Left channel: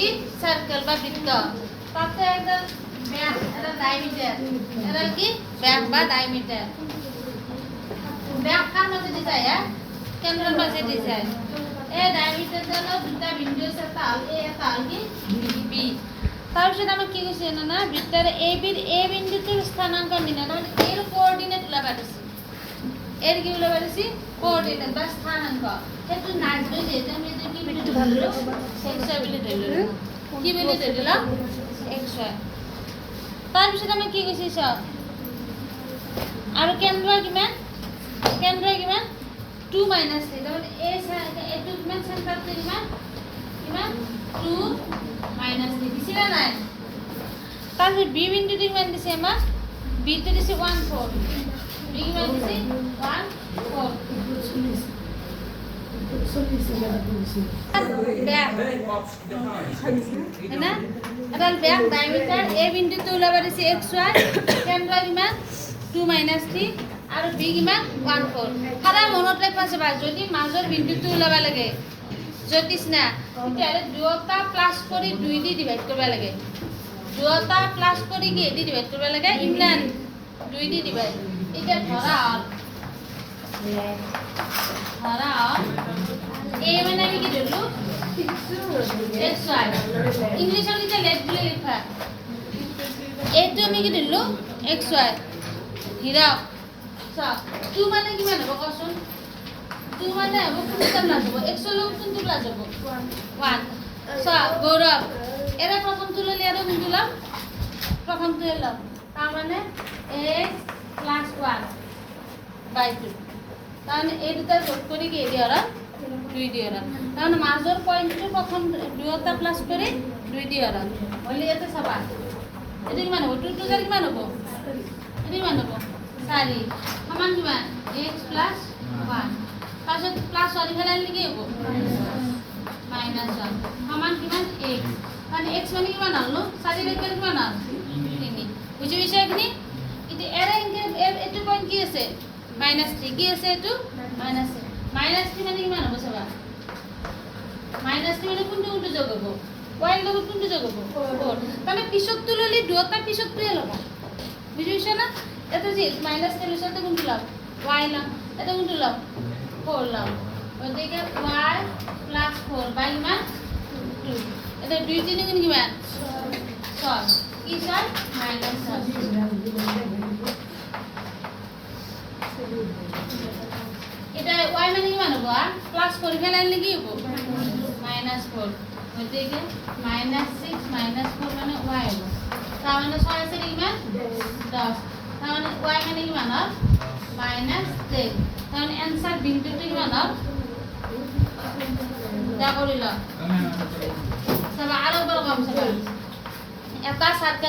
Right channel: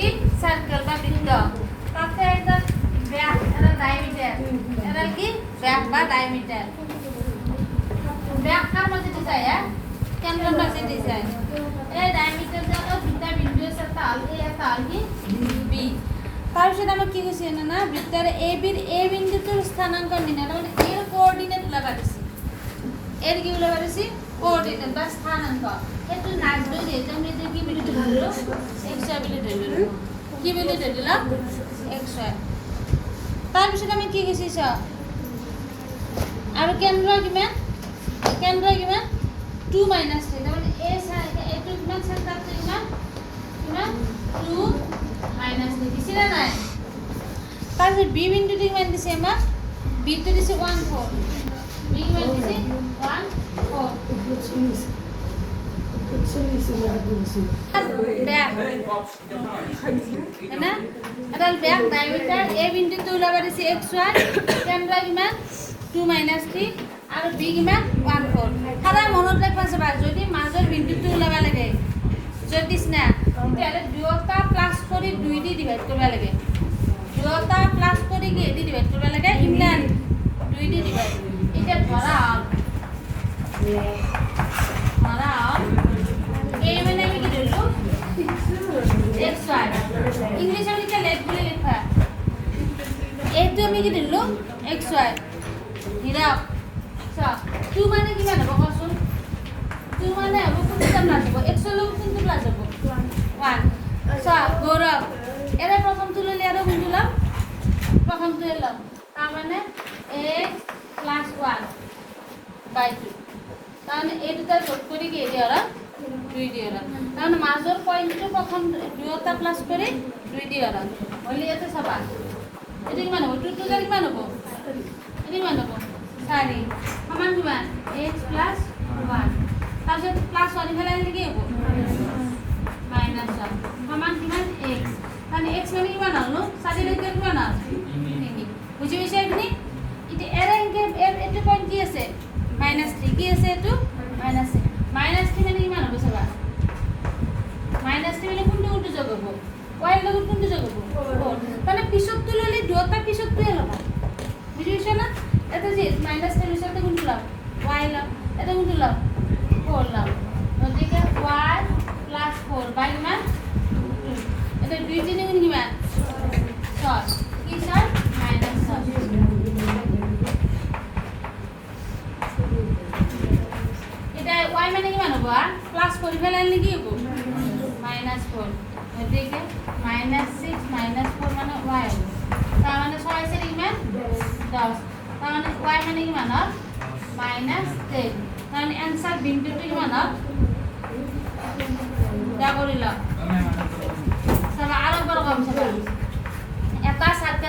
কি সার্কেল বা বৃত্ত তাতে এডাল ব্যাস এডাল ডায়ামিটার এডাল কি ব্যাস বা ডায়ামিটার ব্যাস কার মধ্যে দিছায় কেন্দ্রের মাঝে দিছায় এই ডায়ামিটার দ্বারা দুটা বিন্দু আছে তাল এই তাল কি বি তাৰপিছত আমাক কি কৈছে না বৃত্তৰ এ বিৰ এ বিন্দুটোৰ স্থানাংক নিৰ্ণয় তাৰমানে এৰ কোঅৰ্ডিনেট ওলাব দিছে এৰ কি ওলাব দিছে কোঅৰ্ডিনেট বা স্থানাংক সেইটো নাজলৈ যেহেতু আমি এইটো কি বুলি ধৰিলো xy বুলি ধৰিলো কি বুলি ধৰিলো xy তাৰপিছত আমি কি কৈছে চাও আৰু কেন্দ্ৰ কিমান 2 - 3 তাৰমানে এইটো কিমান চেণ্টাৰটো কিমান 2 - 3 দিছে না নাই তাৰপিছত বি বিন্দুটো কিমান দিছে আমাক বি টো দিছে 1 4 বি কিমান দিছে 1 4 না এডাল ব্যাস ডায়ামিটার এ বিন্দুটো ওলাব দিছে xy কেন্দ্ৰ কিমান 2 - 3 আৰু বি কিমান 1 4 সদায় মনত ৰাখিবা চাবা যদি মাজৰ বিন্দুটো ওলাব লাগে জ্যোতিষ না তেতিয়াহ'লে দুয়োটা প্লাছ কৰি 2 দি ডিভাইড কৰিব লাগে দুয়োটা প্লাছ কৰি কি দি ডিভাইড কৰিব লাগে ইমৰান 2 দি ডিভাইড এতিয়া ধৰা এই মানে আমি কি ধৰিলো xy ইংলিছত এতিয়া লেট বুলি লিখা এইটো আমি কি ধৰিলো xy হিৰা চা 2 মানে কিমান হ'ব কোৱাচোন 2 মানে হ'ব কোনটো প্লাস হ'ব x লৈ কোনটো প্লাস হ'ব 1 সা গৌৰৱ এৰে প্ৰথমটো ললে আৰু কোনটো লম প্ৰথমটো লম তাৰ মানে x + 1/2 কাৰণ এই দুটা যোগ কৰি কি দিয়া আৰু 2 দিয়া আৰু কাৰণ মাজৰ পইণ্টটো প্ৰথম দুটা প্লাস কৰি 2 দিয়া আৰু হলি এতে চাবা এটি কিমান হ'ব 2 2 কিমান হ'ব এটি কিমান হ'ব 4 সমান কিমান x + 1 তাৰপিছত প্লাস 1 ফেলাইলে কি হ'ব -1 সমান কিমান x মানে x মানে কিমান হ'ল 4 লৈকে কিমান হ'ল 3 বুজি পাইছে এখিনি ইতে এৰে এটো পইণ্ট কি আছে -3 কি আছে এটো -3 -3 মানে কিমান হ'ব চাবা -3 মানে কোনটো যোগ হ'ব y লগত কোনটো যোগ হ'ব 4 মানে পিছতটো ললে দুটা পিছতটোৱে ল'বা বুজি পাইছে না এটা যে -3 লৈছতে কোনটো লম y লম এটা কোনটো লম 4 লম গতিকে y + 4 বাই কিমান 2 এটা 2 3 গুণ কিমান 6 কি 6 -6 এটা y মানে কিমান হ'ব প্লাস কৰি ফেলাইলে কি হ'ব -4 গতিকে -6 - 4 মানে y হ'ব তাৰ মানে 6 আছে কিমান 10 তাৰ মানে y মানে কিমান হ'ল -10 তাৰ মানে आंसर বিন্দুটো কিমান হ'ল যা কৰিলা চাবা আৰু বড় কম চাবা এটা সাৰ্কেল